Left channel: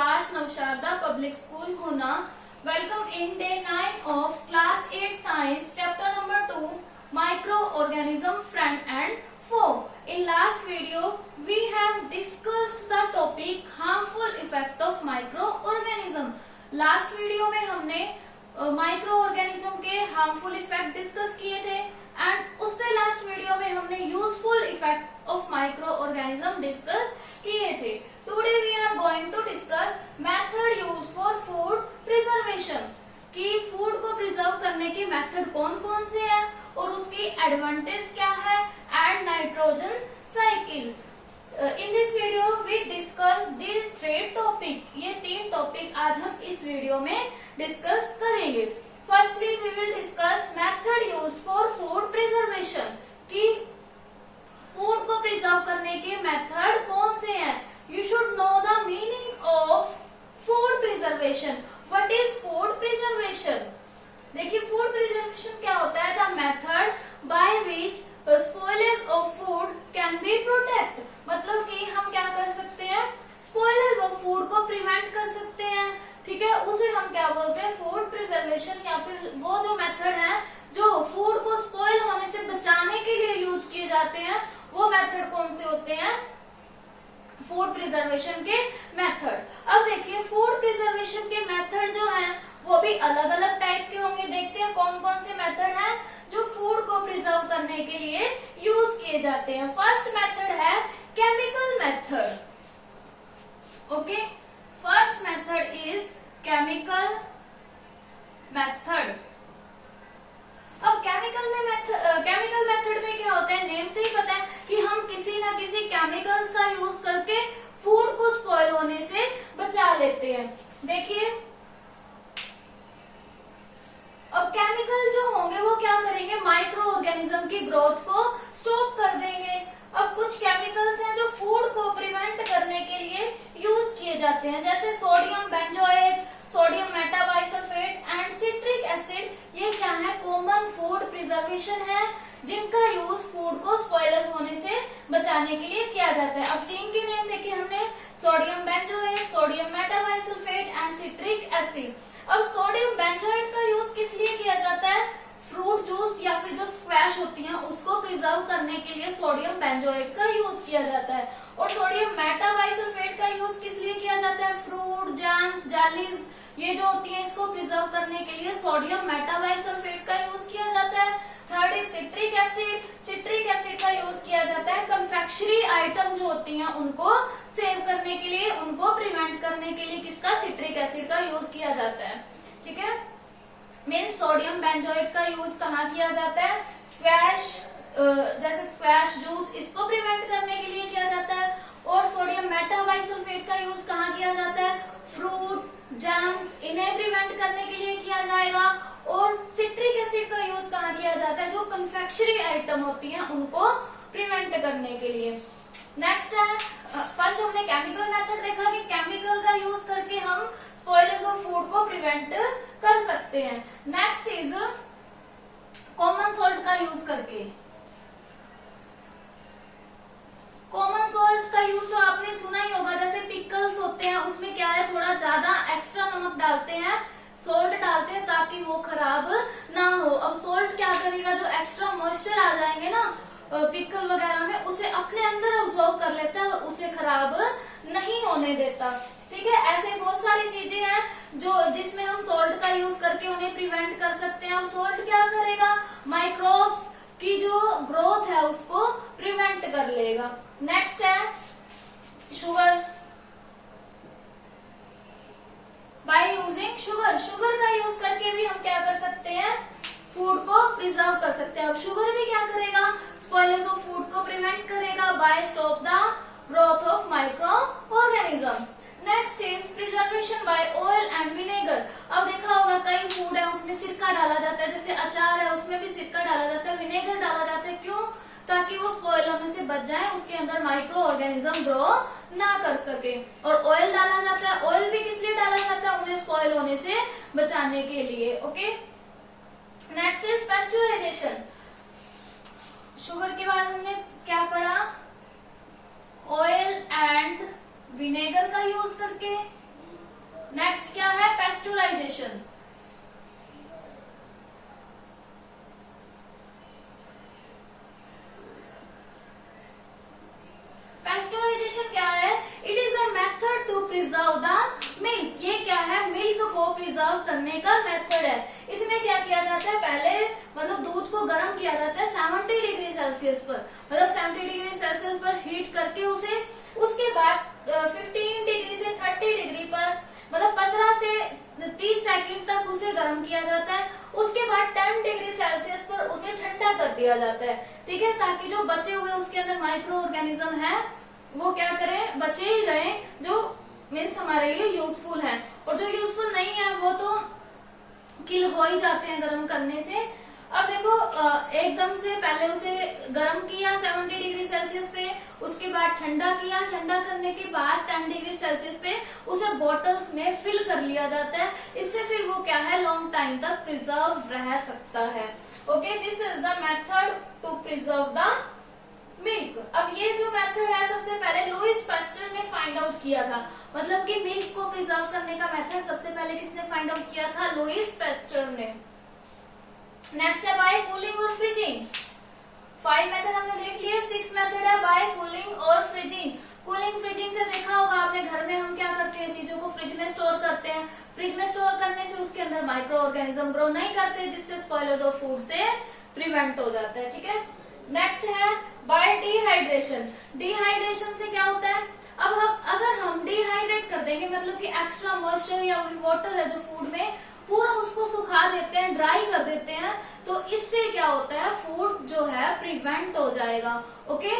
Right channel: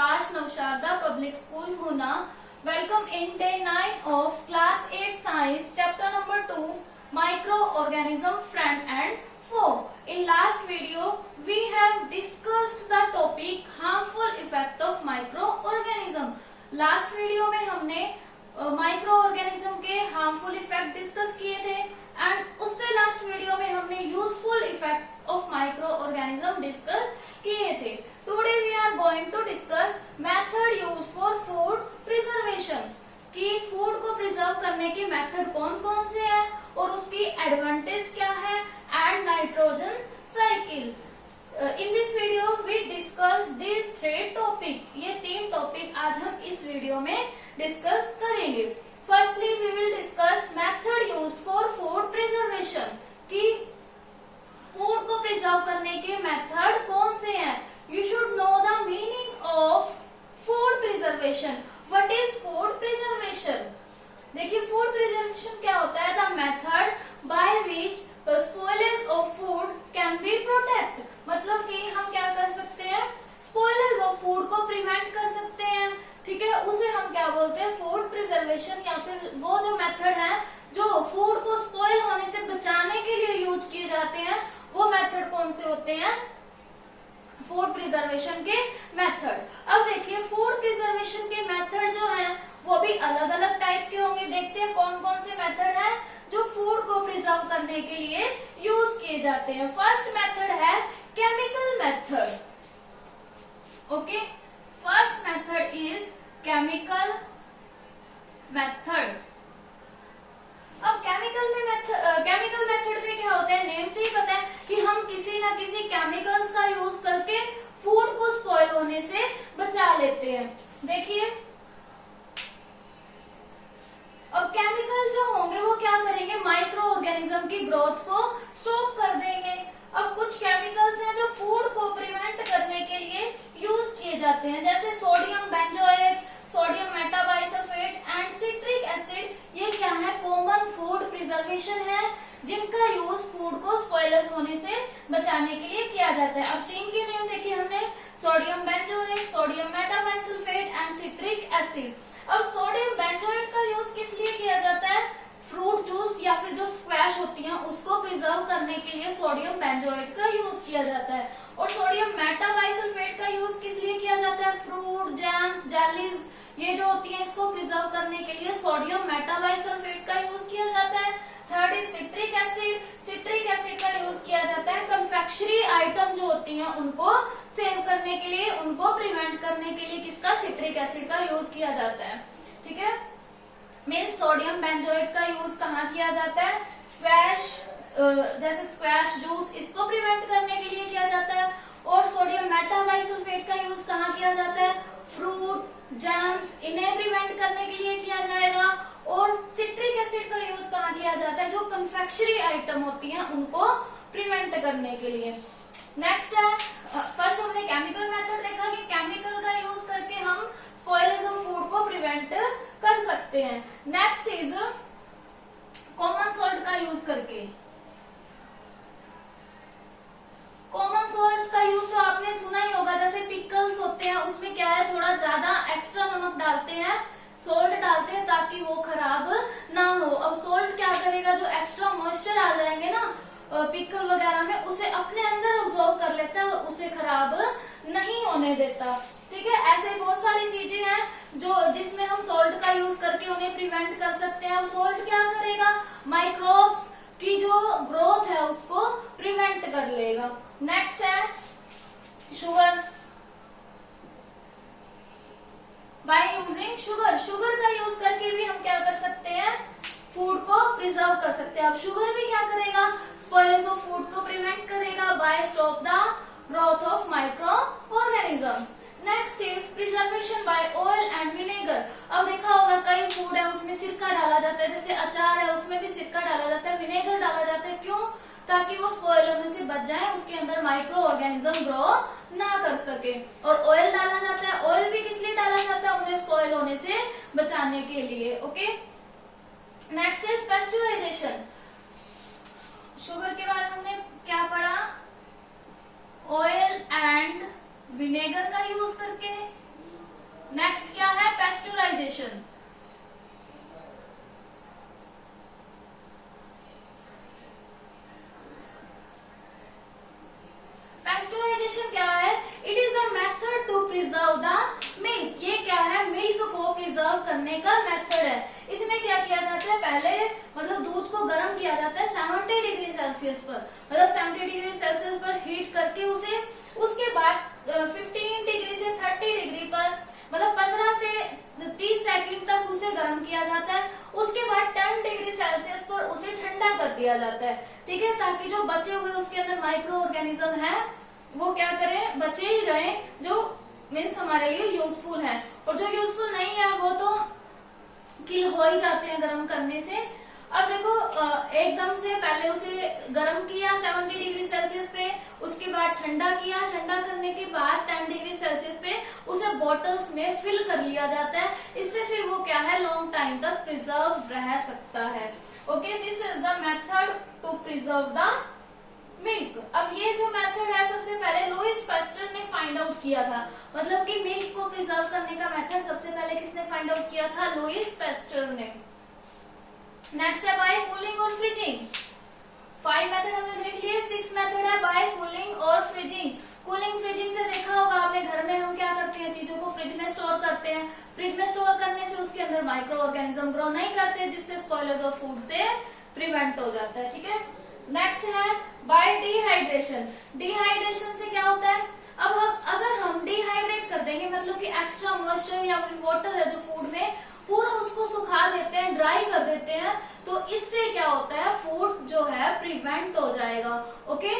Vishwas Navsharda Public School Huna. Welcome in day 9 of class 8 science chapter number 2 microorganism friend and foe. In last video we have discussed the topic harmful effect of microorganism. Last video में हमने microorganism के harmful effect discuss किए थे and उससे last video में हमने useful effect of microorganism discuss किए थे. Today we are going to discuss method use for food preservation कि फूड को प्रिजर्व करने के मेथड कौन कौन से हैं और उसकी एडवांटेज क्या है and nitrogen cycle. In this video we discuss this three topic. ये 3 टॉपिक आज हम इस वीडियो में डिस्कस करेंगे. Firstly we will discuss method used for food preservation कि फूड को प्रिजर्व करने के मेथड कौन से हैं. You should know the meaning of food preservation. What is food preservation? देखिए फूड प्रिजर्वेशन क्या होता है. The method by which spoilage of food can be protect. मतलब कि हम क्या कर सकते हैं, स्पॉइलेज ऑफ फूड को प्रिवेंट कर सकते हैं. ठीक है, उसे हम क्या बोलते हैं, फूड प्रिजर्वेशन. या फिर वो जो मेथड है जो फूड को स्पॉइल होने से बचाने के लिए यूज किए जाते हैं वो मेथड कौन से होते हैं, फूड प्रिजर्वेशन के मेथड. अब देखिए फूड प्रिजर्वेशन के मेथड जो हैं वो भी अलग अलग टाइप के होंगे. देखते हैं कौन कौन से मेथड हैं जो फूड को प्रिजर्व करने के लिए यूज किए जाते हैं. फर्स्ट मेथड है chemical method. Okay, first method is chemical method. अब केमिकल मेथड में क्या होता है, नेम से ही पता है कि हम किसी ना किसी केमिकल्स का यूज करके फूड को स्पॉइल होने से बचा लेते हैं. देखिए अब केमिकल जो होंगे वो क्या करेंगे, माइक्रो ऑर्गेनिज्म की ग्रोथ को स्टॉप कर देंगे. अब कुछ केमिकल्स हैं जो फूड को प्रिवेंट करने के लिए यूज किए जाते हैं, जैसे sodium benzoate, sodium metabisulphite and citric acid. ये क्या है, कॉमन फूड प्रिजर्वेशन है जिनका यूज फूड को स्पॉइलर्स होने से बचाने के लिए किया जाता है. अब 3 के नेम देखे हमने, sodium benzoate, sodium metabisulphite and citric acid. अब सोडियम बेंजोएट का यूज किस लिए किया जाता है, फ्रूट जूस या फिर जो स्क्वैश होती हैं उसको प्रिजर्व करने के लिए सोडियम बेंजोएट का यूज किया जाता है. और सोडियम मेटाबाइसल्फेट का यूज किस लिए किया जाता है, फ्रूट जैम्स, जेलीज ये जो होती है इसको प्रिजर्व करने के लिए सोडियम मेटाबाइसल्फेट का यूज किया जाता है. Third is citric acid. Citric acid का यूज किया जाता है कन्फेक्शनरी आइटम जो होती हैं उनको सेव करने के लिए, उनको प्रिवेंट करने के लिए किसका, सिट्रिक एसिड का यूज किया जाता है. ठीक है, मीन्स सोडियम बेंजोएट का यूज कहाँ किया जाता है, स्क्वैश जैसे स्क्वैश जूस इसको प्रिवेंट करने के लिए किया जाता है. और सोडियम मेटाबाइसल्फेट का यूज कहाँ किया जाता है, फ्रूट जैम्स इन्हें प्रिवेंट करने के लिए किया जाएगा. और सिट्रिक एसिड का यूज कहाँ किया जाता है, जो कन्फेक्शनरी आइटम होती हैं उनको प्रिवेंट करने के लिए. नेक्स्ट है, फर्स्ट हमने केमिकल मेथड देखा कि केमिकल का यूज करके हम स्पॉइलेज ऑफ फूड को प्रिवेंट कर सकते हैं. नेक्स्ट इज कॉमन सॉल्ट का यूज करके. कॉमन सॉल्ट का यूज तो आपने सुना ही होगा, जैसे पिकल्स होते हैं उसमें क्या है, थोड़ा ज्यादा एक्स्ट्रा नमक डालते हैं, सॉल्ट डालते हैं ताकि वो खराब ना हो. अब सॉल्ट क्या करेगा, जो एक्स्ट्रा मॉइस्चर आ जाएंगे ना पिकल वगैरह में उसे अपने अंदर ऑब्जॉर्व कर लेता है और उसे खराब नहीं होने देता. ठीक है, ऐसे बहुत सारी चीजें हैं जो जिसमें हम सॉल्ट का यूज करके उन्हें प्रिवेंट कर सकते हैं. अब सॉल्ट क्या करेगा, माइक्रोब्स की जो ग्रोथ है उसको प्रिवेंट कर लेगा. नेक्स्ट है sugar. By using sugar, sugar का यूज करके भी हम क्या कर सकते हैं, फूड को प्रिजर्व कर सकते हैं. अब शुगर भी क्या करेगा, स्पॉइलेज ऑफ फूड को प्रिवेंट करेगा by stop the growth of micro organism. Next is preservation by oil and vinegar. अब देखा होगा कई फूड है उसमें सिरका डाला जाता है, जैसे अचार है उसमें भी सिरका डाला जाता है, विनेगर डाला जाता है. क्यों, ताकि वो स्पॉइल होने से बच जाए, उसके अंदर माइक्रो ऑर्गेनिज्म ग्रो ना कर सके. और ऑयल डाला जाता है, ऑयल भी किस लिए डाला जाता है, उन्हें स्पॉइल होने से बचाने के लिए. Okay, next is pasteurisation. Sugar के बाद हमने क्या पढ़ा, ऑयल एंड विनेगर का यूज करके डेफिनेशन क्या है? It is a method to preserve the milk. ये क्या है? मिल्क को प्रिजर्व करने का मेथड है। इसमें क्या किया जाता है? पहले मतलब दूध को गर्म किया जाता है 70 डिग्री सेल्सियस पर, मतलब 70 डिग्री सेल्सियस पर हीट करके उसे, उसके बाद 15 डिग्री से 30 डिग्री पर मतलब 15 से 30 सेकंड तक उसे गर्म किया जाता है। उसके बाद 10 डिग्री सेल्सियस पर उसे ठंडा कर दिया जाता है, ठीक है, ताकि जो बचे हुए उसके अंदर माइक्रो ऑर्गेनिज्म है वो क्या करें? बचे ही रहे, जो मीन्स हमारे लिए यूजफुल है, और जो यूजफुल नहीं है वो तो किल हो ही जाते हैं गर्म करने से। अब देखो एकदम से पहले उसे गर्म किया 70 डिग्री सेल्सियस पे, उसके बाद ठंडा किया, ठंडा करने के बाद 10 डिग्री सेल्सियस पे उसे बॉटल्स में फिल कर लिया जाता है। इससे फिर वो क्या है? लॉन्ग टाइम तक प्रिजर्व रह सकता है। Okay, this is the method to preserve the milk. अब ये जो मेथड है सबसे पहले लुईस पास्चर ने फाइंड आउट किया था, मतलब कि मिल्क को प्रिजर्व करने का मेथड सबसे पहले किसने फाइंड आउट किया था? लुईस पास्चर ने। नेक्स्ट है बाय कूलिंग और फ्रीजिंग। 5 मेथड हमने देख लिए, 6 मेथड है बाय कूलिंग और फ्रीजिंग। कूलिंग फ्रीजिंग से देखा होगा आपने, घर में हम क्या करते हैं? चीजों को फ्रिज में स्टोर करते हैं। फ्रिज में स्टोर करने से उसके अंदर माइक्रो ऑर्गेनिज्म ग्रो नहीं करते, जिससे स्पॉयलेज ऑफ फूड से प्रिवेंट हो जाता है, ठीक है। नेक्स्ट है बाय डिहाइड्रेशन। डिहाइड्रेशन से क्या होता है? अब अगर हम डिहाइड्रेट कर देंगे, मतलब कि एक्स्ट्रा मॉइस्चर या फिर वाटर है जो फूड में, पूरा उसको सुखा देते हैं, ड्राई कर देते हैं, तो इससे क्या होता है? फूड जो है प्रिवेंट हो जाएगा। Okay,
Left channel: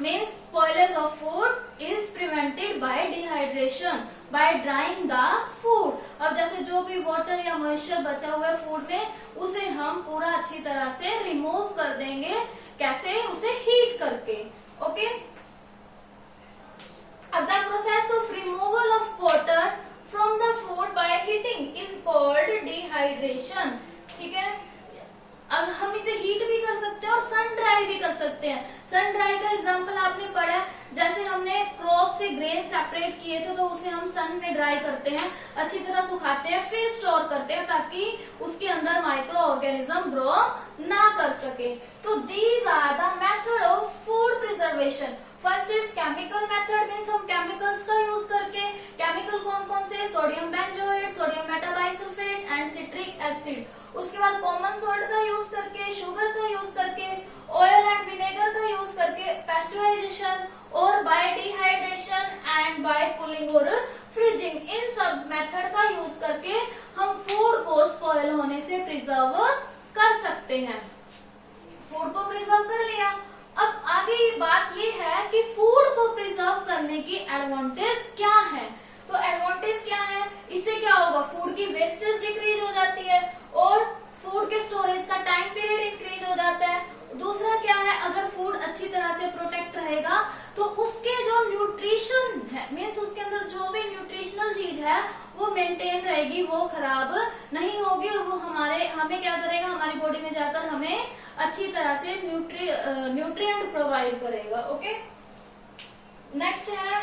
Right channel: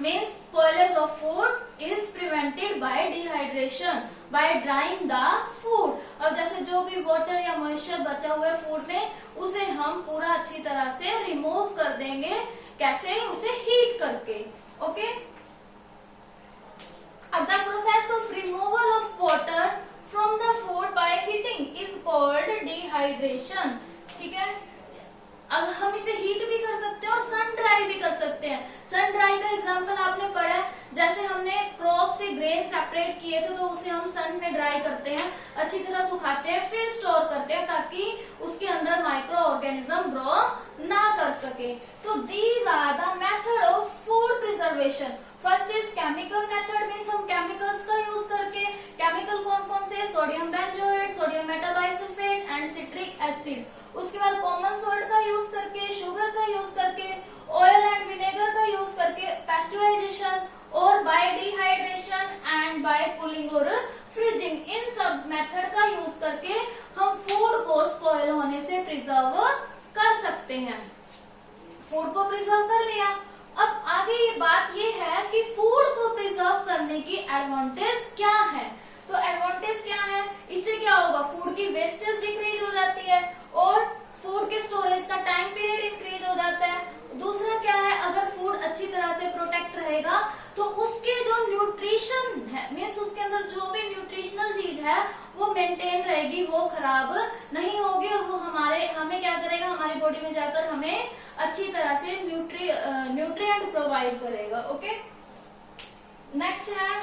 means spoilage of food is prevented by dehydration, by drying the food. अब जैसे जो भी वाटर या मॉइस्चर बचा हुआ है फूड में, उसे हम पूरा अच्छी तरह से रिमूव कर देंगे। कैसे? उसे हीट करके। ओके, अब the process of removal of water from the food by heating is called dehydration, ठीक है। अब हम इसे हीट भी कर सकते हैं और सन ड्राई भी कर सकते हैं। सन ड्राई का एग्जांपल आपने पढ़ा है, जैसे हमने क्रॉप से ग्रेन सेपरेट किए थे तो उसे हम सन में ड्राई करते हैं, अच्छी तरह सुखाते हैं, फिर स्टोर करते हैं ताकि उसके अंदर माइक्रो ऑर्गेनिज्म ग्रो ना कर सके। तो these are the method of food preservation. First is chemical method, means हम केमिकल्स का यूज करके, केमिकल कौन कौन से? Sodium benzoate, sodium metabisulphite and citric acid. उसके बाद कॉमन सॉल्ट का यूज करके, शुगर का यूज करके, ऑयल एंड विनेगर का यूज करके, पेस्चराइजेशन, और by dehydration and by cooling और फ्रीजिंग। इन सब मेथड का यूज करके हम फूड को स्पॉइल होने से प्रिजर्व कर सकते हैं। फूड को प्रिजर्व कर लिया, अब आगे ये बात ये है कि फूड को प्रिजर्व करने की एडवांटेज क्या है। तो एडवांटेज क्या है? इससे क्या होगा? फूड की वेस्टेज डिक्रीज हो जाती है और फूड के स्टोरेज का टाइम पीरियड इंक्रीज हो जाता है। दूसरा क्या है? अगर फूड अच्छी तरह से प्रोटेक्ट रहेगा तो उसके जो न्यूट्रिशन है, मीन्स उसके अंदर जो भी न्यूट्रिशनल चीज है वो मेंटेन रहेगी, वो खराब नहीं होगी, और वो हमें क्या करेगा? हमारी बॉडी में जाकर हमें अच्छी तरह से न्यूट्रिएंट प्रोवाइड करेगा। ओके, नेक्स्ट है,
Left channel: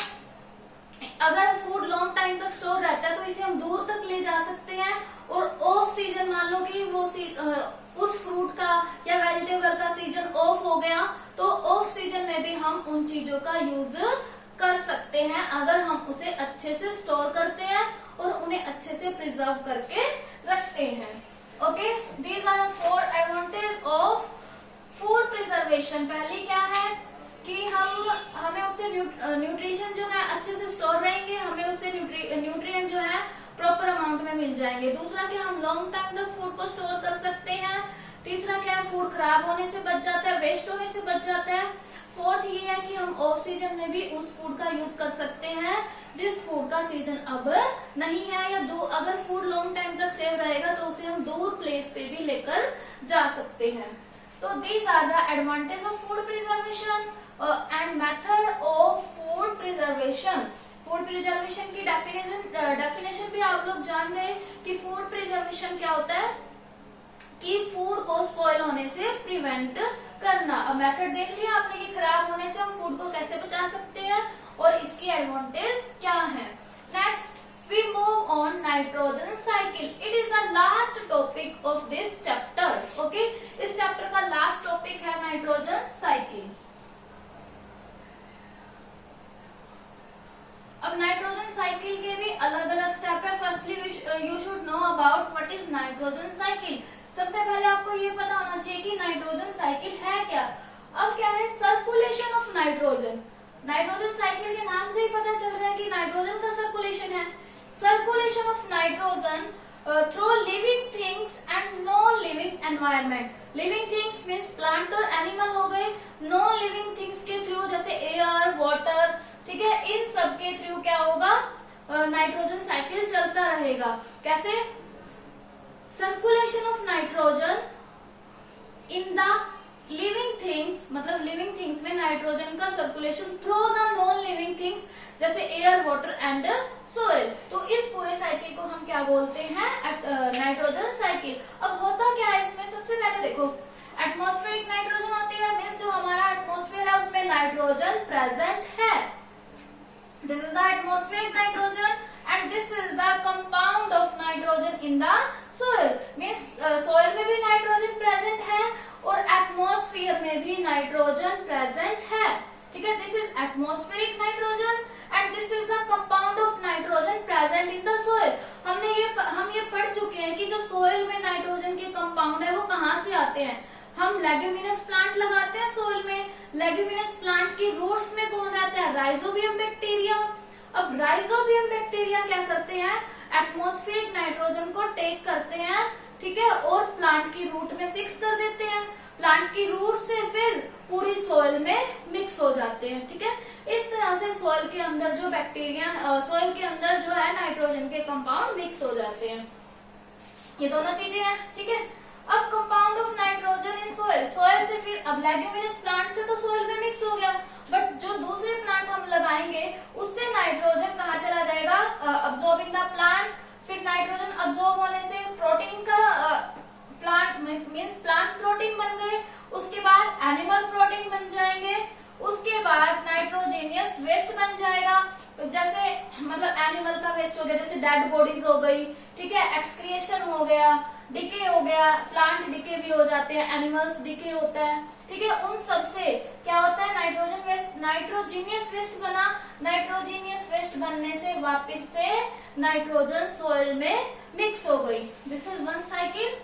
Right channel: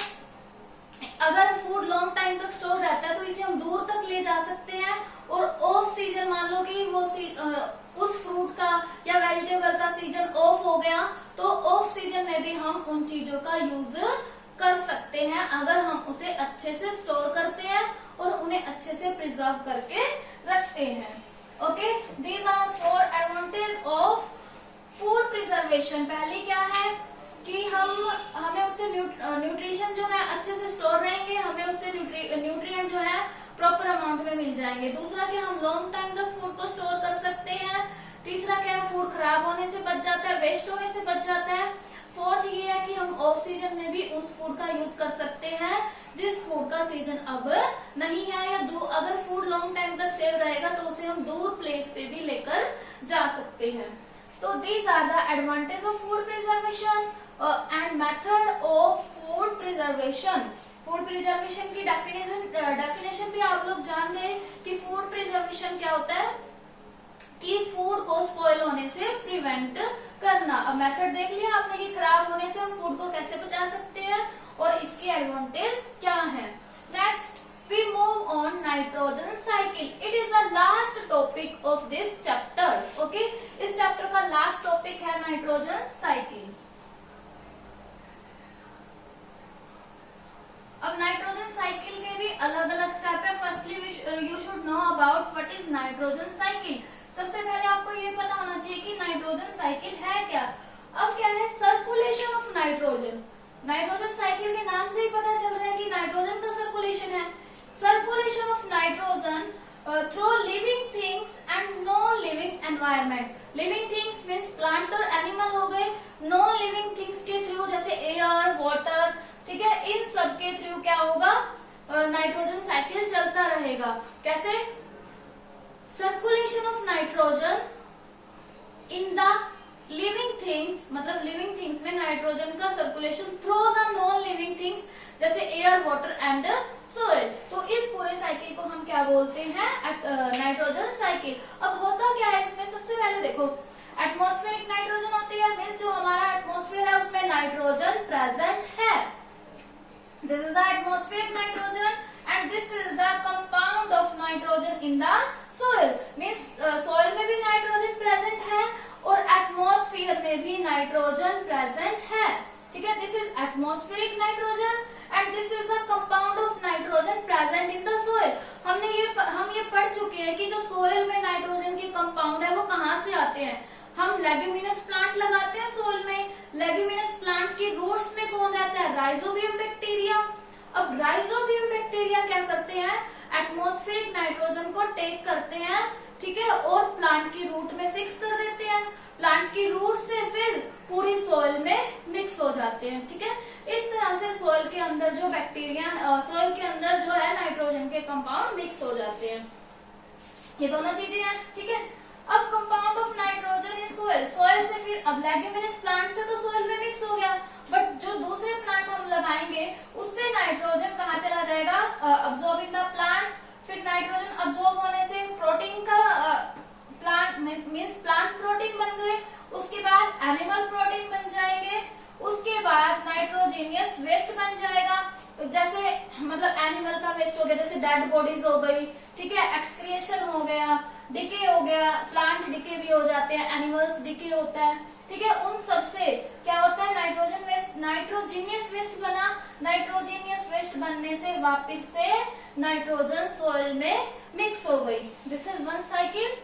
अगर फूड लॉन्ग टाइम तक स्टोर रहता है तो इसे हम दूर तक ले जा सकते हैं, और ऑफ सीजन मान लो कि वो उस फ्रूट का या वेजिटेबल का सीजन ऑफ हो गया, तो ऑफ सीजन में भी हम उन चीजों का यूज कर सकते हैं अगर हम उसे अच्छे से स्टोर करते हैं और उन्हें अच्छे से प्रिजर्व करके रखते हैं। Okay, these are 4 advantage of food preservation. पहले क्या है कि हमें उससे न्यूट्रिशन जो है अच्छे से स्टोर रहेंगे, हमें उससे न्यूट्रिएंट जो है प्रॉपर अमाउंट में मिल जाएंगे। दूसरा क्या, हम लॉन्ग टाइम तक फूड को स्टोर कर सकते हैं। तीसरा क्या, फूड खराब होने से बच जाता है, वेस्ट होने से बच जाता है। फोर्थ ये है कि हम ऑफ सीजन में भी उस फूड का यूज कर सकते हैं जिस फूड का सीजन अब नहीं है, या अगर फूड लॉन्ग टाइम तक सेव रहेगा तो उसे हम दूर प्लेस पे भी लेकर जा सकते हैं। तो these are the advantage of food preservation and method of food preservation. Food preservation की डेफिनेशन भी आप लोग जान गए कि फूड प्रिजर्वेशन क्या होता है, कि फूड को स्पॉइल होने से प्रिवेंट करना। अब मेथड देख लिया आपने कि खराब होने से हम फूड को कैसे बचा सकते हैं और इसकी एडवांटेज क्या है। Next we move on nitrogen cycle. It is the last topic of this chapter. Okay, इस चैप्टर का लास्ट टॉपिक है nitrogen cycle. About what is nitrogen cycle. सबसे पहले आपको ये पता होना चाहिए कि नाइट्रोजन साइकिल है क्या। अब क्या है circulation of nitrogen. Nitrogen cycle के नाम से ही पता चल रहा है कि नाइट्रोजन का सर्कुलेशन है। Circulation of nitrogen through living things and non living environment. Living things means plant और एनिमल हो गए, नॉन लिविंग थिंग्स के थ्रू जैसे एयर, वाटर, ठीक है, इन सब के थ्रू क्या होगा, नाइट्रोजन साइकिल चलता रहेगा। कैसे? Circulation of nitrogen in the living things, मतलब लिविंग थिंग्स में नाइट्रोजन का circulation through the non living things जैसे एयर, वाटर एंड सोइल। तो इस पूरे साइकिल को हम क्या बोलते हैं, नाइट्रोजन साइकिल। अब होता क्या है इसमें, सबसे पहले देखो एटमॉस्फेरिक नाइट्रोजन होती है, मीन्स जो हमारा एटमॉस्फेयर है उसमें नाइट्रोजन प्रेजेंट है। This is the atmospheric nitrogen and this is the compound of nitrogen in the soil. Means soil में भी नाइट्रोजन प्रेजेंट है और एटमॉस्फेयर में भी नाइट्रोजन प्रेजेंट है, ठीक है। This is atmospheric nitrogen and this is the compound of nitrogen present in the soil. हम ये पढ़ चुके हैं कि जो सोइल में नाइट्रोजन के कंपाउंड है वो कहाँ से आते हैं। हम लेग्यूमिनस प्लांट लगाते हैं सोइल में, लेग्यूमिनस प्लांट की रूट्स में कौन रहता है, राइजोबियम बैक्टीरिया। अब राइजोबियम बैक्टीरिया क्या करते हैं, एटमॉस्फेरिक नाइट्रोजन को टेक करते हैं, ठीक है, और प्लांट की रूट में फिक्स कर देते हैं। प्लांट की रूट से फिर पूरी सोइल में मिक्स हो जाते हैं, ठीक है। इस तरह से सोइल के अंदर जो बैक्टीरिया, सोइल के अंदर जो है नाइट्रोजन के कंपाउंड मिक्स हो जाते हैं। ये दोनों चीजें हैं, ठीक है। अब compound of nitrogen in soil, soil से फिर अब लेग्यूमिनस प्लांट से तो सोइल में मिक्स हो गया, बट जो दूसरे प्लांट हम लगाएंगे उससे नाइट्रोजन कहाँ चला जाएगा, अब्सॉर्बिंग द प्लांट। फिर नाइट्रोजन अब्सॉर्ब होने से प्रोटीन का प्लांट मीन्स प्लांट प्रोटीन बन गए, उसके बाद एनिमल प्रोटीन बन जाएंगे, उसके बाद नाइट्रोजीनियस वेस्ट बन जाएगा, जैसे मतलब एनिमल का वेस्ट हो गया, जैसे डेड बॉडीज हो गई, ठीक है, एक्सक्रिएशन हो गया, डिके हो गया, प्लांट डिके भी हो जाते हैं, एनिमल्स डिके होता है, ठीक है। उन सब से क्या होता है, नाइट्रोजन वेस्ट, नाइट्रोजीनियस वेस्ट बना। नाइट्रोजीनियस वेस्ट बनने से वापस से नाइट्रोजन सॉइल में मिक्स हो गई। This is one cycle.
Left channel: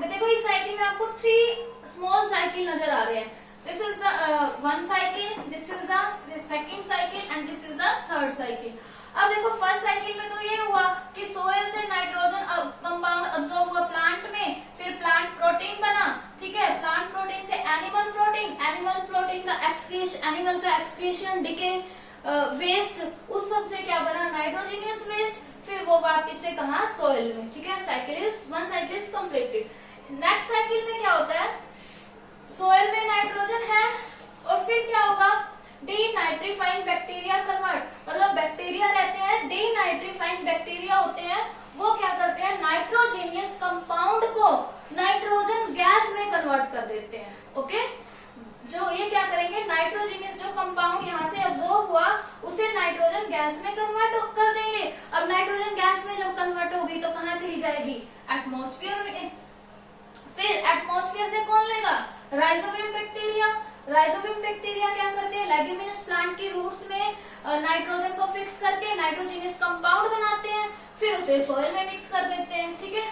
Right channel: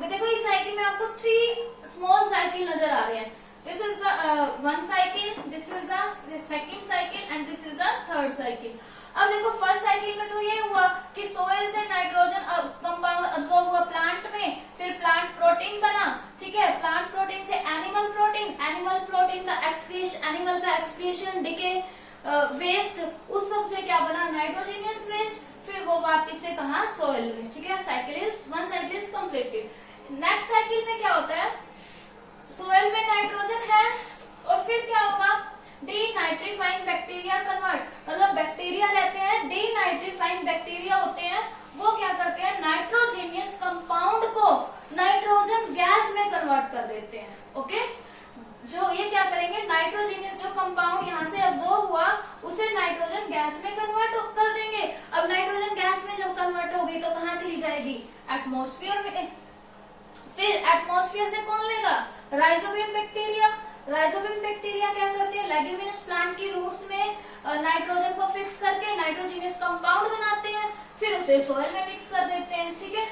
देखो इस साइकिल में आपको 3 स्मॉल साइकिल नजर आ रहे हैं। This is the one cycle, this is the second cycle and this is the third cycle. अब देखो फर्स्ट साइकिल में तो ये हुआ कि सोइल से नाइट्रोजन कंपाउंड अब्सॉर्ब हुआ प्लांट में, फिर प्लांट प्रोटीन बना, ठीक है, प्लांट प्रोटीन से एनिमल प्रोटीन, एनिमल प्रोटीन का एक्सक्रीशन, एनिमल का एक्सक्रीशन, डिके, वेस्ट, उस सब से क्या बना, नाइट्रोजीनियस वेस्ट, फिर वो वापस से कहा, सोइल में, ठीक है। One cycle is completed. Next cycle में क्या होता है, सोइल में नाइट्रोजन है और फिर क्या होगा, डीनाइट्रीफाइंग बैक्टीरिया कन्वर्ट, मतलब बैक्टीरिया रहते हैं, डीनाइट्रीफाइंग बैक्टीरिया होते हैं, वो क्या करते हैं, नाइट्रोजीनियस कंपाउंड को नाइट्रोजन गैस में कन्वर्ट कर देते हैं, ओके। जो ये क्या करेंगे, नाइट्रोजीनियस जो कंपाउंड यहाँ से अब्सॉर्ब हुआ उसे नाइट्रोजन गैस में कन्वर्ट कर देंगे। अब नाइट्रोजन गैस में जब कन्वर्ट होगी तो कहाँ चली जाएगी, एटमॉस्फेयर में। फिर एटमॉस्फेयर से कौन लेगा, राइजोबियम बैक्टीरिया। राइजोबियम बैक्टीरिया क्या करते हैं, लेग्यूमिनस प्लांट की रूट्स में नाइट्रोजन को फिक्स करके नाइट्रोजीनियस कंपाउंड बनाते हैं, फिर उसे सोइल में मिक्स कर देते हैं, ठीक है,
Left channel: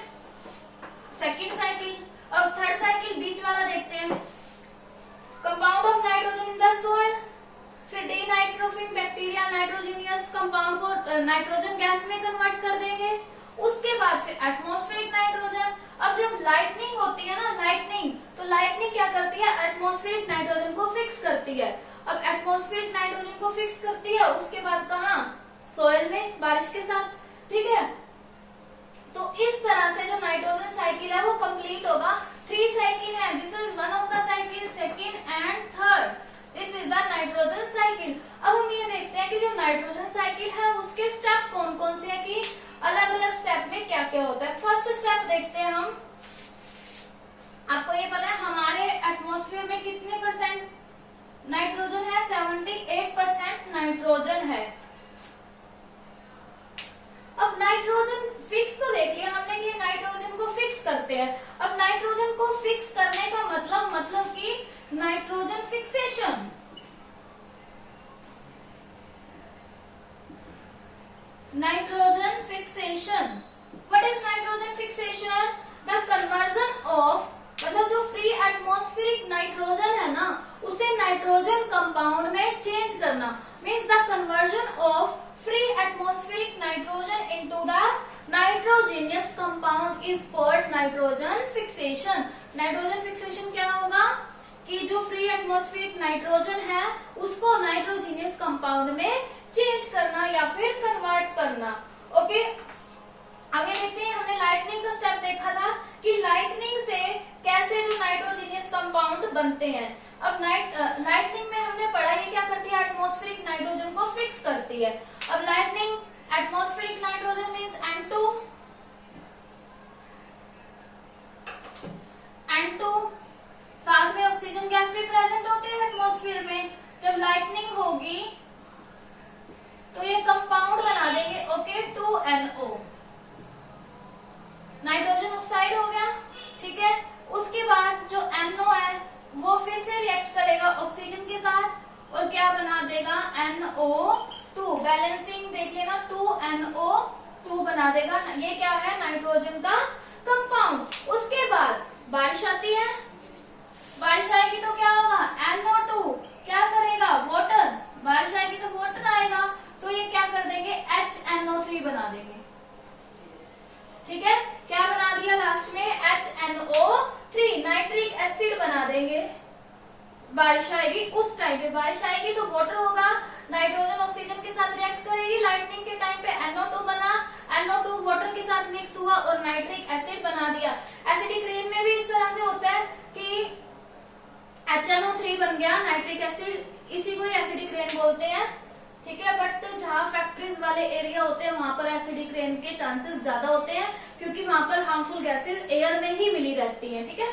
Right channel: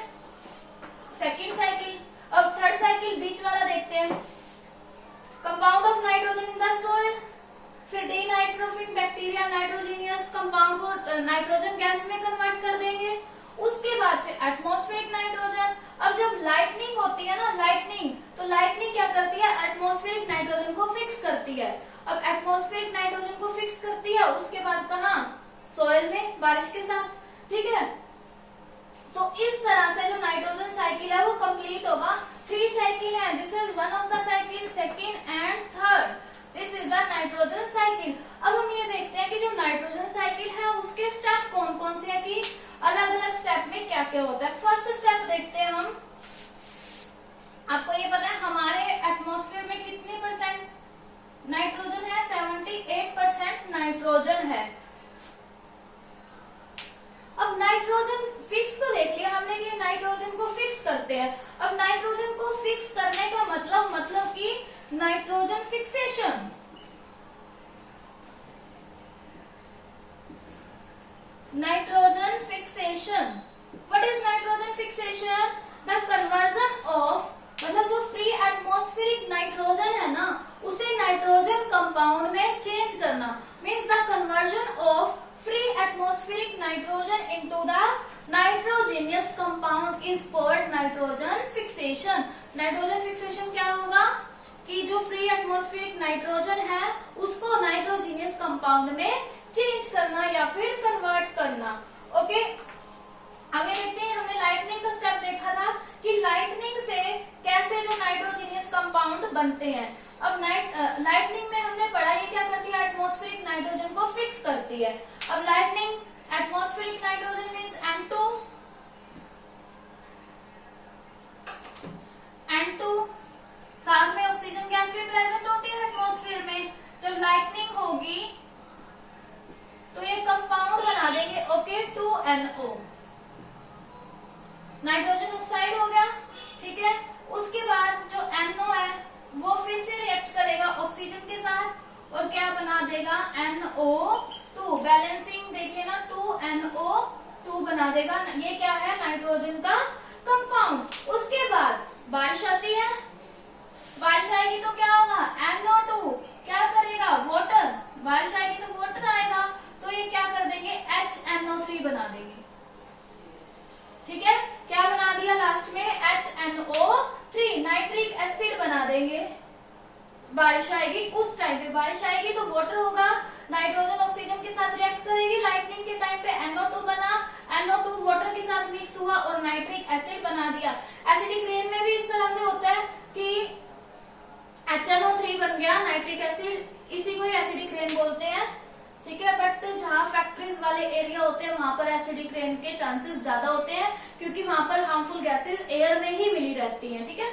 सेकंड साइकिल। अब थर्ड साइकिल बीच वाला देखते हैं, compound of nitrogen in the soil, फिर डीनाइट्रोफिन बैक्टीरिया नाइट्रोजीनियस कंपाउंड को नाइट्रोजन गैस में कन्वर्ट कर देंगे, उसके बाद फिर एटमॉस्फेरिक नाइट्रोजन। अब जब लाइटनिंग होती है ना, लाइटनिंग, तो लाइटनिंग क्या करती है, एटमॉस्फेरिक नाइट्रोजन को फिक्स करती है। अब एटमॉस्फेरिक नाइट्रोजन को फिक्स करती है, उसके बाद कहाँ, सोइल में, बारिश के साथ, ठीक है। तो इस तरह से जो नाइट्रोजन साइकिल है वो कंप्लीट होगा। 3 साइकिल है, this is one of the cycle, second and third, this is the nitrogen cycle. अब हम ये देखते हैं कि जो नाइट्रोजन साइकिल है उसके स्टेप कौन कौन से है, कि अलग अलग स्टेप में क्या क्या होता है। फर्स्ट स्टेप देखते हैं हम, आपको ये पता है हमारे एटमॉस्फेयर में कितने परसेंट नाइट्रोजन है, 78% नाइट्रोजन है। अब नाइट्रोजन फिक्स तो देख लिया हमने कि नाइट्रोजन को फिक्स करते हैं। अब नाइट्रोजन को फिक्स करने का मतलब कि nitrogen fixation, nitrogen fixation, what is compound में चेंज करना, means the conversion of free atmospheric nitrogen into the nitrogenous compound is called nitrogen fixation. Nitrogen fixation क्या होगा कि जो फ्री एटमॉस्फेरिक नाइट्रोजन है उसको नाइट्रोजीनियस कंपाउंड में चेंज करना या फिर कन्वर्ट करना। ओके, आगे देखते हैं। हमने लाइटनिंग का स्टेप देखा था कि लाइटनिंग से कैसे जो नाइट्रोजीनियस कंपाउंड बनते हैं। अब लाइटनिंग में हमने पढ़ा ये क्या करती है, एटमॉस्फेरिक नाइट्रोजन को फिक्स करती है। अब lightning atmospheric nitrogen means N2 साथ में ऑक्सीजन गैस भी प्रेजेंट होती है एटमॉस्फेयर में। जब लाइटनिंग होगी तो ये कंपाउंड बना देंगे, ओके, 2NO, नाइट्रोजन ऑक्साइड हो गया, ठीक है। उसके बाद जो NO है वो फिर से रिएक्ट करेगा ऑक्सीजन के साथ और क्या बना देगा, NO2, बैलेंसिंग देख लेना, 2NO2 बना देगा। ये क्या है, नाइट्रोजन का कंपाउंड। उसके बाद बारिश आती है, बारिश आएगी तो क्या होगा, NO2 क्या करेगा, वाटर, बारिश आएगी तो वाटर आएगा, तो ये क्या कर देंगे, HNO3 बना देंगे, ठीक है। क्या बना दिया लास्ट में, HNO3, नाइट्रिक एसिड बना देंगे। बारिश आएगी, उस टाइम पे बारिश आएगी तो वाटर होगा, नाइट्रोजन ऑक्सीजन के साथ रिएक्ट करेगी, लाइटनिंग के टाइम पे NO2 बना, NO2 वाटर के साथ मिक्स हुआ और नाइट्रिक एसिड बना दिया। एसिडिक रेन में भी इस तरह से होता है कि HNO3 बन गया, नाइट्रिक एसिड, इसी को एसिडिक रेन बोलते हैं, ठीक है। बट जहाँ फैक्ट्रीज वाले एरिया होते हैं वहां पर एसिडिक रेन के चांसेस ज्यादा होते हैं क्योंकि वहां पर हार्मफुल गैसेस एयर में ही मिली रहती हैं, ठीक है।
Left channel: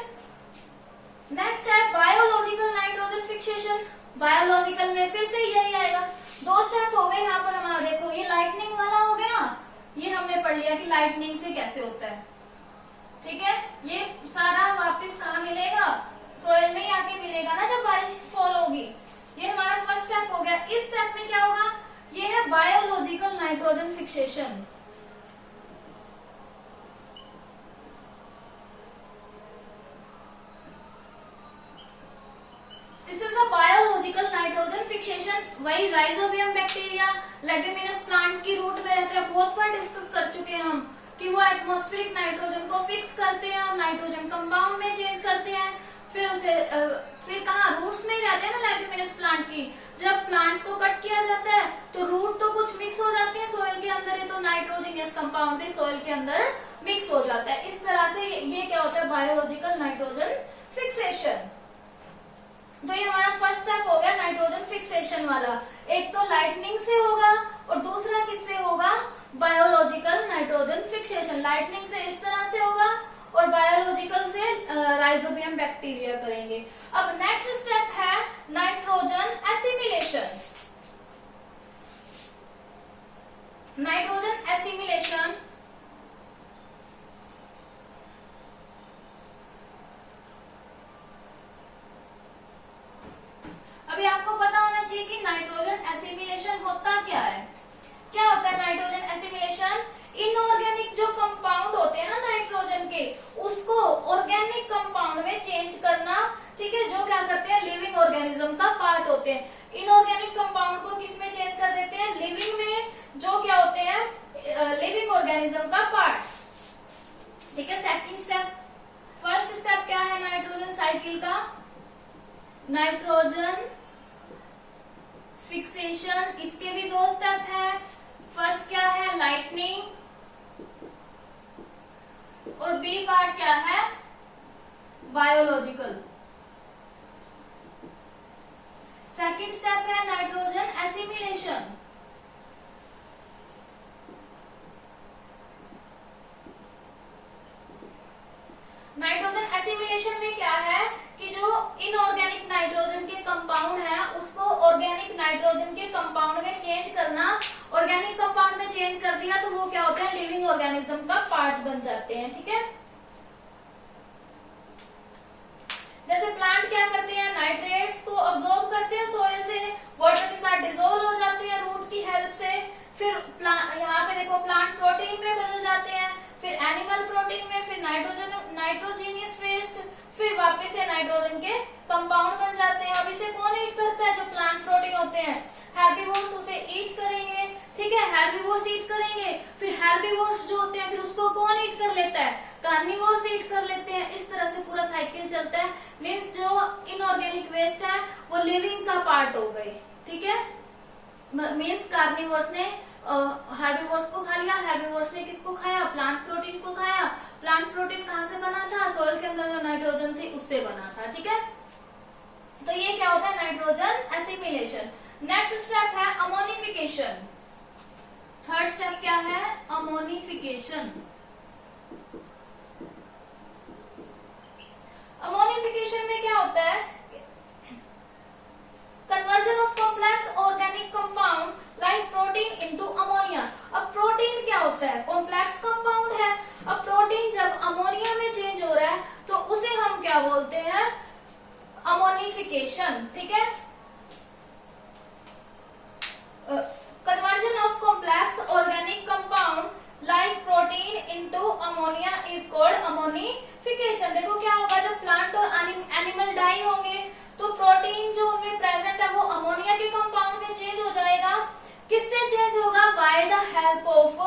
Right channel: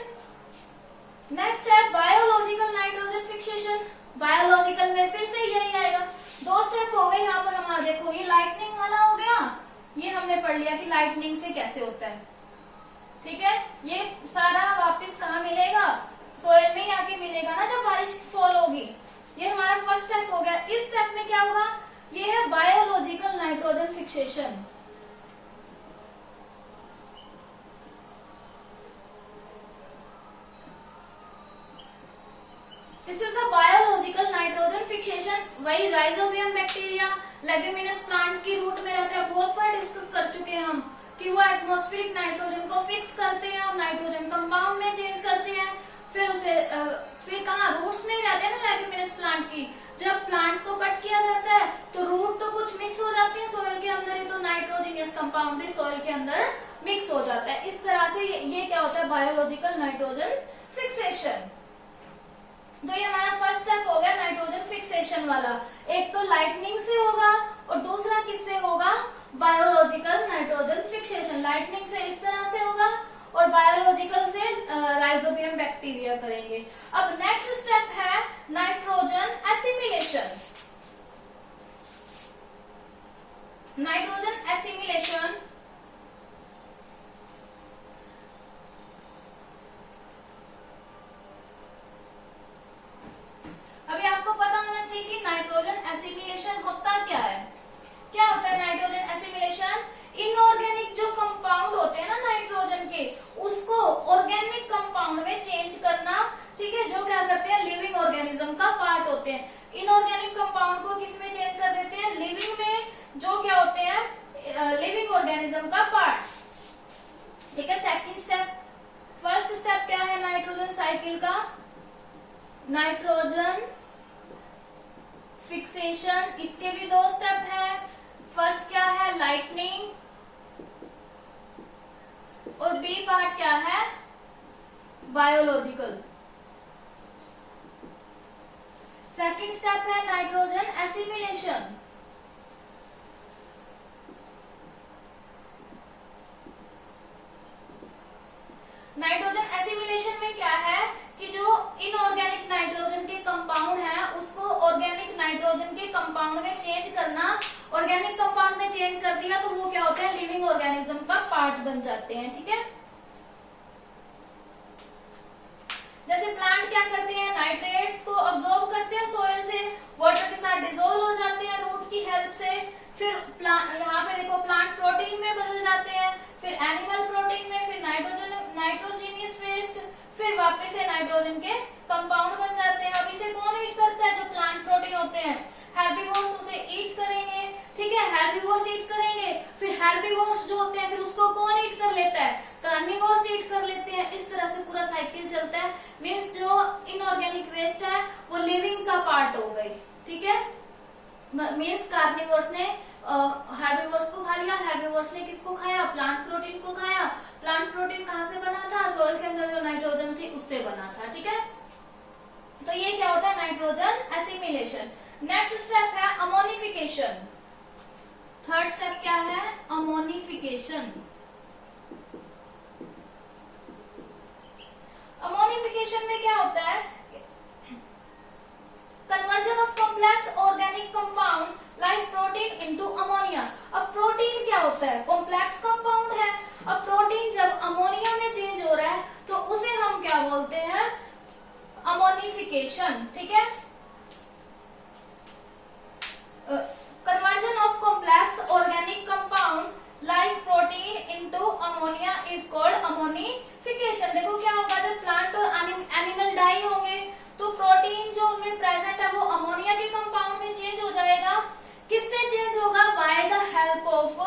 नेक्स्ट है बायोलॉजिकल नाइट्रोजन फिक्सेशन। बायोलॉजिकल में फिर से यही आएगा, दो स्टेप हो गए यहाँ पर हमारा। देखो ये लाइटनिंग वाला हो गया, ये हमने पढ़ लिया कि लाइटनिंग से कैसे होता है, ठीक है। ये सारा वापस कहाँ मिलेगा, सोयल में ही आके मिलेगा ना जब बारिश फॉल होगी। ये हमारा फर्स्ट स्टेप हो गया। इस स्टेप में क्या होगा, ये है biological nitrogen fixation. This is the biological nitrogen fixation. वही राइजोबियम बैक्टीरिया लेग्यूमिनस प्लांट की रूट में रहते हैं, बहुत बार डिस्कस कर चुके हैं हम कि वो एटमॉस्फेरिक नाइट्रोजन को फिक्स करते हैं और नाइट्रोजन कंपाउंड में चेंज करते हैं। फिर उसे फिर कहाँ, रूट्स में ही रहते हैं ना लेग्यूमिनस प्लांट की। जब प्लांट्स को कट किया जाता है तो रूट तो कुछ मिक्स हो जाते हैं सोयल के अंदर, ही तो नाइट्रोजीनियस कंपाउंड भी सोयल के अंदर मिक्स हो जाता है। इस तरह से ये क्या होता है, बायोलॉजिकल नाइट्रोजन फिक्सेशन। तो ये हमारा फर्स्ट स्टेप हो गया नाइट्रोजन फिक्सेशन वाला। एक तो लाइटनिंग से होगा और दूसरा किससे होगा, बायोलॉजिकल नाइट्रोजन फिक्सेशन। लाइटनिंग से इस तरह से होगा और बायोलॉजिकल से राइजोबियम बैक्टीरिया करेंगे। अब नेक्स्ट स्टेप है नाइट्रोजन एसिमिलेशन। नाइट्रोजन एसिमिलेशन अभी आपको पता होना चाहिए कि नाइट्रोजन एसिमिलेशन होता क्या है। क्या होता है नाइट्रोजन एसिमिलेशन, इनऑर्गेनिक जो कंपाउंड होते हैं ना नाइट्रोजन के, उसको ऑर्गेनिक कंपाउंड में चेंज करना, ठीक है। जो क्या करते हैं, लिविंग ऑर्गेनिज्म का पार्ट होते हैं। इनऑर्गेनिक कंपाउंड को किस में चेंज कर देते हैं, लिविंग में, जो क्या होते हैं, लिविंग ऑर्गेनिज्म का पार्ट, ठीक है। सेकंड स्टेप, फर्स्ट स्टेप क्या है नाइट्रोजन साइकिल का, नाइट्रोजन फिक्सेशन। इसके भी दो स्टेप है। फर्स्ट क्या है, लाइटनिंग, और बी पार्ट क्या है, बायोलॉजिकल। सेकंड स्टेप है नाइट्रोजन एसिमिलेशन। नाइट्रोजन एसिमिलेशन में क्या है कि जो इनऑर्गेनिक नाइट्रोजन के कंपाउंड है उसको ऑर्गेनिक नाइट्रोजन के कंपाउंड में चेंज करना। ऑर्गेनिक कंपाउंड में चेंज कर दिया तो वो क्या होता है, लिविंग ऑर्गेनिज्म का पार्ट बन जाते हैं, ठीक है। जैसे प्लांट क्या करते हैं, नाइट्रेट्स को अब्सॉर्ब करते हैं सोयल से, वाटर के साथ डिसॉल्व हो जाते हैं रूट की हेल्प से। फिर यहाँ पे देखो प्लांट प्रोटीन में बदल जाते हैं, फिर एनिमल प्रोटीन में, फिर नाइट्रोजीनियस वेस्ट, फिर वापस से नाइट्रोजन के कंपाउंड बन जाते हैं। अब इसे कौन ईट करता है, जो प्लांट हैं। हेर्बिवोर्स उसे ईट करेंगे, ठीक है, हेर्बिवोर्स ईट करेंगे, फिर हेर्बिवोर्स जो होते हैं फिर उसको कौन ईट कर लेता है, कार्निवोर्स ईट कर लेते हैं। इस तरह से पूरा साइकिल चलता है। मीन्स जो इनऑर्गेनिक वेस्ट है वो लिविंग का पार्ट हो गई, ठीक है। मीन्स कार्निवोर्स ने हेर्बिवोर्स को खा लिया, हेर्बिवोर्स ने किसको खाया, प्लांट प्रोटीन को खाया। प्लांट प्रोटीन कहाँ से बना था, सोइल के अंदर जो नाइट्रोजन थी उससे बना था, ठीक है। तो ये क्या होता है, नाइट्रोजन एसिमिलेशन। नेक्स्ट स्टेप है अमोनिफिकेशन। थर्ड स्टेप क्या है, अमोनिफिकेशन। अमोनिफिकेशन में क्या होता है, conversion of complex organic compound like protein into ammonia. अब प्रोटीन क्या होता है, कॉम्प्लेक्स कंपाउंड है। अब प्रोटीन जब अमोनिया में चेंज हो रहा है तो उसे हम क्या बोलते हैं, अमोनिफिकेशन, ठीक है। Conversion of complex organic compound like protein into ammonia is called ammonification. देखो क्या होगा, जब प्लांट और एनिमल डाई होंगे तो प्रोटीन जो उनमें प्रेजेंट है वो अमोनिया के कंपाउंड में चेंज हो जाएगा। किससे चेंज होगा, by the help of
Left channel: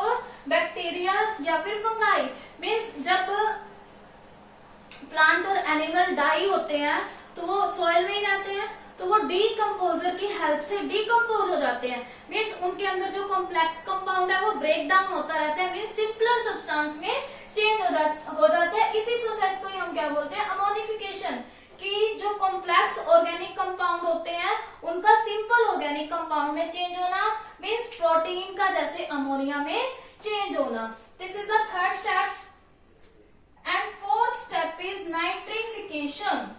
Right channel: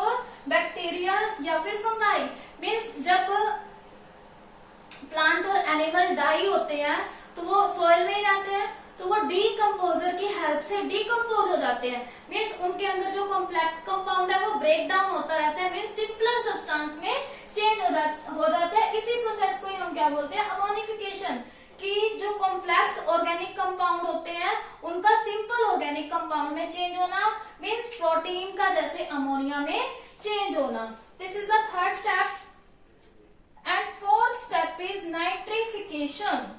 bacteria या फिर फंगाई। मीन्स जब प्लांट और एनिमल डाई होते हैं तो वो सोइल में ही रहते हैं, तो वो डीकम्पोजर की हेल्प से डीकम्पोज हो जाते हैं। मीन्स उनके अंदर जो कॉम्प्लेक्स कंपाउंड है वो ब्रेक डाउन होता रहता है, मीन्स सिंपलर सब्सटेंस में चेंज हो जाते हैं। इसी प्रोसेस को ही हम क्या बोलते हैं, अमोनिफिकेशन। कि जो कॉम्प्लेक्स ऑर्गेनिक कंपाउंड होते हैं उनका सिंपल ऑर्गेनिक कंपाउंड में चेंज होना, मीन्स प्रोटीन का जैसे अमोनिया में चेंज होना। This is the third step. And fourth step is nitrification.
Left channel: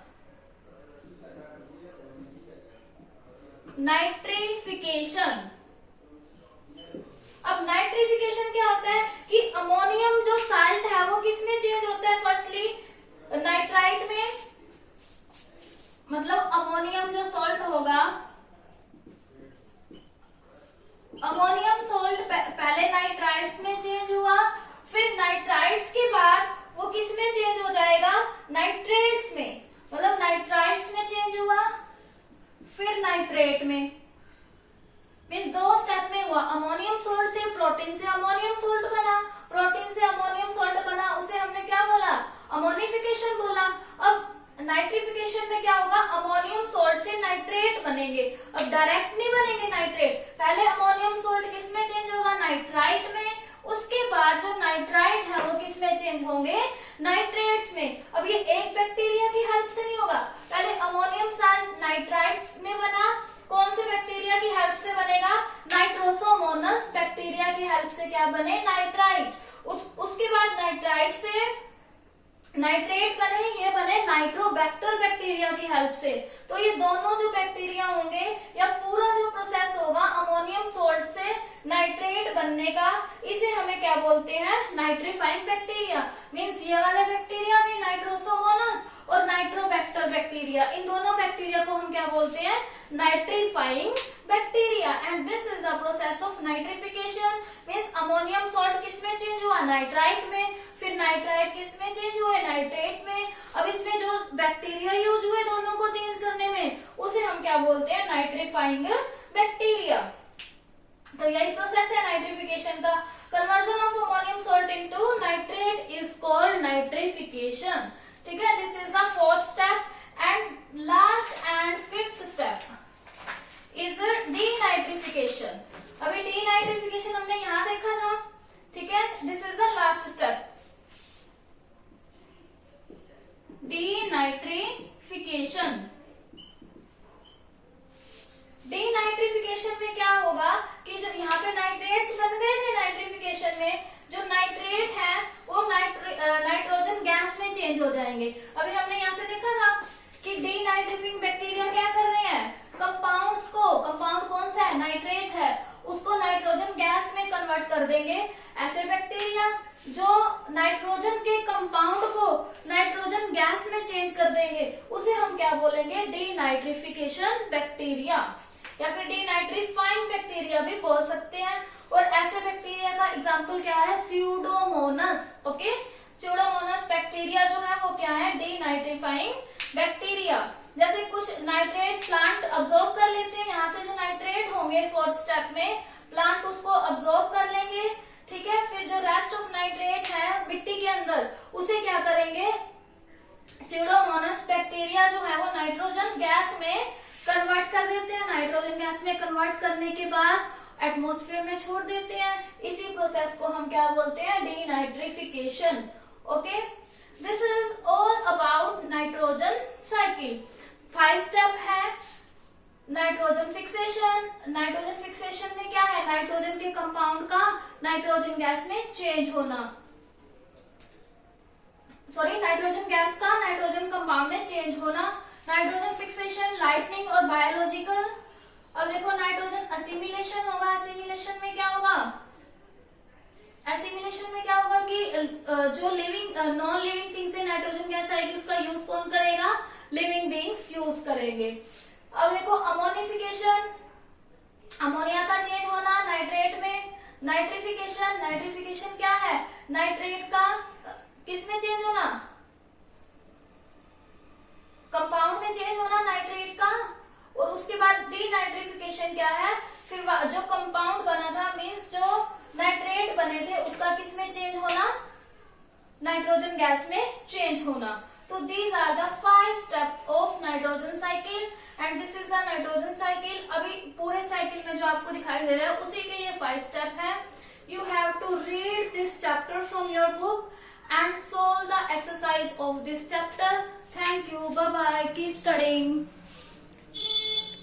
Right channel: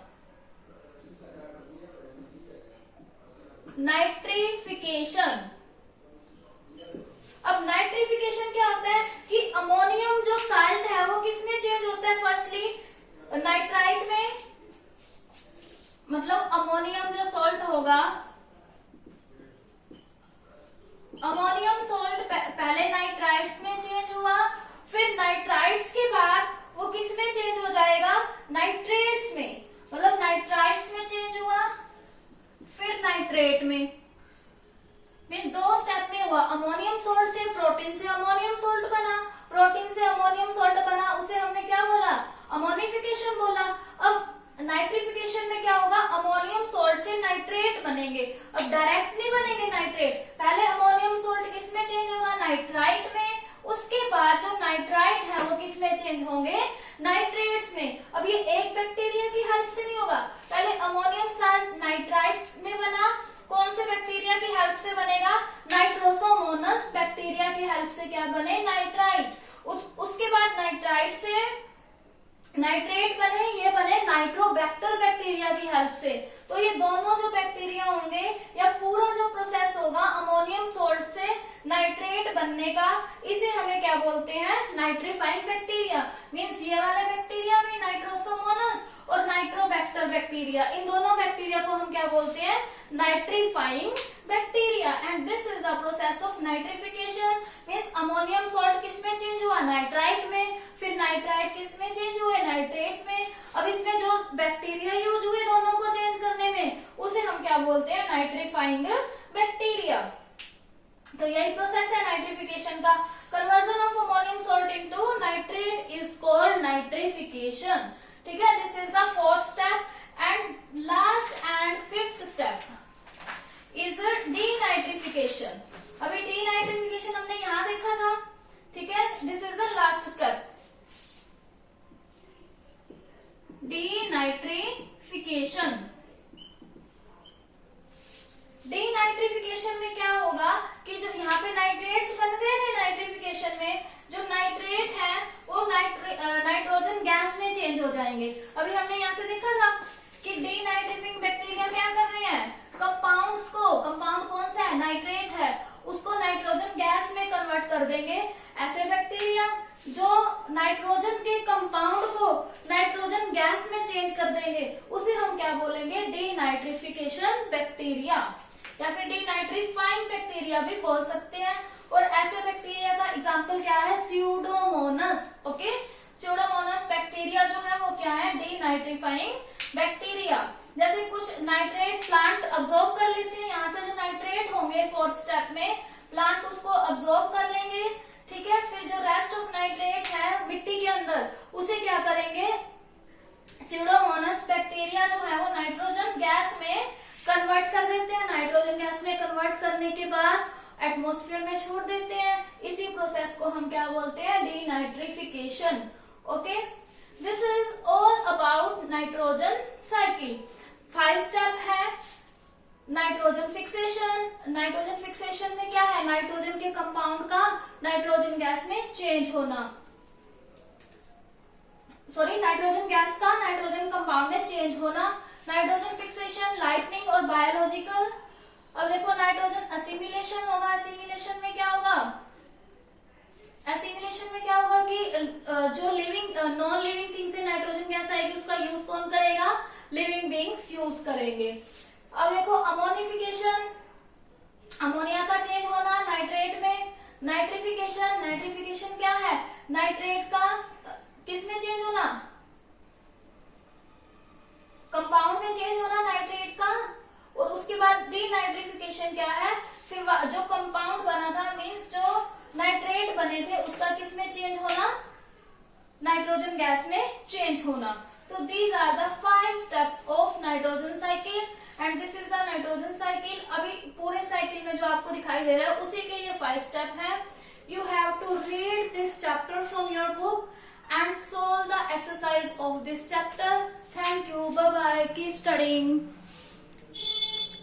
Nitrification. अब नाइट्रिफिकेशन क्या होता है कि अमोनियम जो साल्ट है वो किसमें चेंज होता है, फर्स्टली नाइट्राइट में। मतलब अमोनियम जो सॉल्ट होगा, अमोनियम सॉल्ट पहले नाइट्राइट्स में चेंज हुआ, फिर नाइट्राइट्स के बाद वो किस में चेंज हो जाएगा, नाइट्रेट्स में। मतलब नाइट्राइट्स में चेंज हुआ फिर नाइट्रेट में। मीन्स दो स्टेप में हुआ। अमोनियम सॉल्ट थे, प्रोटीन से अमोनियम सॉल्ट बना, प्रोटीन से अमोनियम सॉल्ट बना, उसे हमने क्या बोला, अमोनिफिकेशन बोला। अब नाइट्रिफिकेशन में क्या होगा, अमोनियम सॉल्ट से नाइट्रेट बनेंगे। अब डायरेक्ट नहीं बनेंगे नाइट्रेट, पहले अमोनियम सॉल्ट किस में चेंज होगा, नाइट्राइट में। उसके बाद जो नाइट्राइट है वो किस में चेंज होंगे, नाइट्रेट्स में। अब ये एक बैक्टीरिया की हेल्प से नहीं होगा, पहले अमोनियम सॉल्ट नाइट्राइट्स में बना, कौन से बैक्टीरिया की हेल्प से बनेगा, नाइट्रोसोमोनस बैक्टीरिया की हेल्प से क्या बने, नाइट्राइट। उसके बाद नाइट्राइट से नाइट्रेट बने, ये बने नाइट्रोबैक्टर बैक्टीरिया की हेल्प से। तो ये दोनों जो बैक्टीरिया होंगे या पूरा जो प्रोसेस होगा अमोनियम सॉल्ट से नाइट्रेट बनने का, इसे हमें क्या बोलते हैं, नाइट्रीफाइंग बैक्टीरिया। मीन्स ये वाला बैक्टीरिया भी नाइट्रोसोमोनस और नाइट्रोबैक्टर बैक्टीरिया, इन दोनों बैक्टीरिया को हम क्या बोलते हैं, nitrifying bacteria. And this is the process of nitrification. Means ammonium salt किस में चेंज हुआ, नाइट्राइट में, फिर नाइट्राइट किस में चेंज हुए, नाइट्रेट में। अब इसमें जो बैक्टीरिया यूज हुए दोनों को चेंज करने में, उसे हम क्या बोलते हैं, नाइट्रीफाइंग बैक्टीरिया। तो यही प्रोसेस है नाइट्रिफिकेशन का। Conversion of ammonium salt into nitrate is called nitrification, ठीक है। This is the fourth step. And last and fifth step is denitrification. अभी डीनाइट्रिफिकेशन हमने यहां देखा था, ठीक है। This is the last step, denitrification. Denitrification में क्या होगा कि जो यहाँ पे नाइट्रेट्स बन गए थे नाइट्रिफिकेशन में, जो नाइट्रेट है वो नाइट्रोजन गैस में चेंज हो जाएंगे। अभी हमने यहाँ से देखा था कि डीनाइट्रिफिंग बैक्टीरिया क्या कर रहे हैं, कंपाउंड्स को, कंपाउंड कौन सा है, नाइट्रेट है, उसको नाइट्रोजन गैस में कन्वर्ट कर देंगे। ऐसे बैक्टीरिया जो नाइट्रोजन के कंपाउंड को नाइट्रोजन गैस में चेंज कर देंगे, उसे हम क्या बोलेंगे, डीनाइट्रिफिकेशन बैक्टीरिया या फिर डीनाइट्रीफाइंग बैक्टीरिया भी बोल सकते हैं। और ऐसे बैक्टीरिया का एग्जाम्पल क्या है, स्यूडोमोनस। ओके, स्यूडोमोनस बैक्टीरिया जो है वो क्या है, डीनाइट्रीफाइंग बैक्टीरिया। जैसे कुछ नाइट्रेट प्लांट अब्सॉर्ब कर लेते हैं, यहाँ से जो नाइट्रेट होंगे फोर्थ स्टेप में, प्लांट उसको अब्सॉर्ब कर लेंगे, ठीक है। फिर जो रेस्ट ऑफ नाइट्रेट है मिट्टी के अंदर, उसे क्या करेंगे, स्यूडोमोनास बैक्टीरिया जो है वो नाइट्रोजन गैस में कन्वर्ट कर देते हैं। नाइट्रोजन गैस में कन्वर्ट करने के बाद एटमॉस्फेयर में छोड़ देते हैं। इसी प्रोसेस को हम क्या बोलते हैं, denitrification. Okay, this is all about nitrogen cycle. 5 step है। नाइट्रोजन फिक्सेशन, नाइट्रोजन फिक्सेशन में क्या है, नाइट्रोजन के कंपाउंड का नाइट्रोजन गैस में चेंज होना, सॉरी नाइट्रोजन गैस का नाइट्रोजन कंपाउंड में चेंज होना। नाइट्रोजन फिक्सेशन, लाइटनिंग और बायोलॉजिकल। अब देखो नाइट्रोजन असिमिलेशन होगा। असिमिलेशन में क्या होगा, एसिमिलेशन में क्या होगा कि जो लिविंग नॉन लिविंग थिंग से नाइट्रोजन गैस आएगी उसका यूज कौन करेगा, लिविंग बींग्स यूज करेंगे। अब देखो अमोनिफिकेशन, अमोनिया का चेंज होना नाइट्रेट में। नाइट्रिफिकेशन, नाइट्रिफिकेशन क्या है, नाइट्रेट का किसमें चेंज होना, कंपाउंड में चेंज होना नाइट्रेट का। और उसके बाद डीनाइट्रिफिकेशन क्या है, फिर जो कंपाउंड बना था मीन्स जो नाइट्रेट बने थे उसका किसमें चेंज होना, नाइट्रोजन गैस में चेंज होना। तो these are the 5 step of nitrogen cycle and this is the nitrogen cycle. अभी पूरे साइकिल में जो आपको दिखाई दे रहा है उसी के ये 5 स्टेप है। You have to read this chapter from your book and solve the exercise of this chapter. Thank you. Bye bye. Keep studying.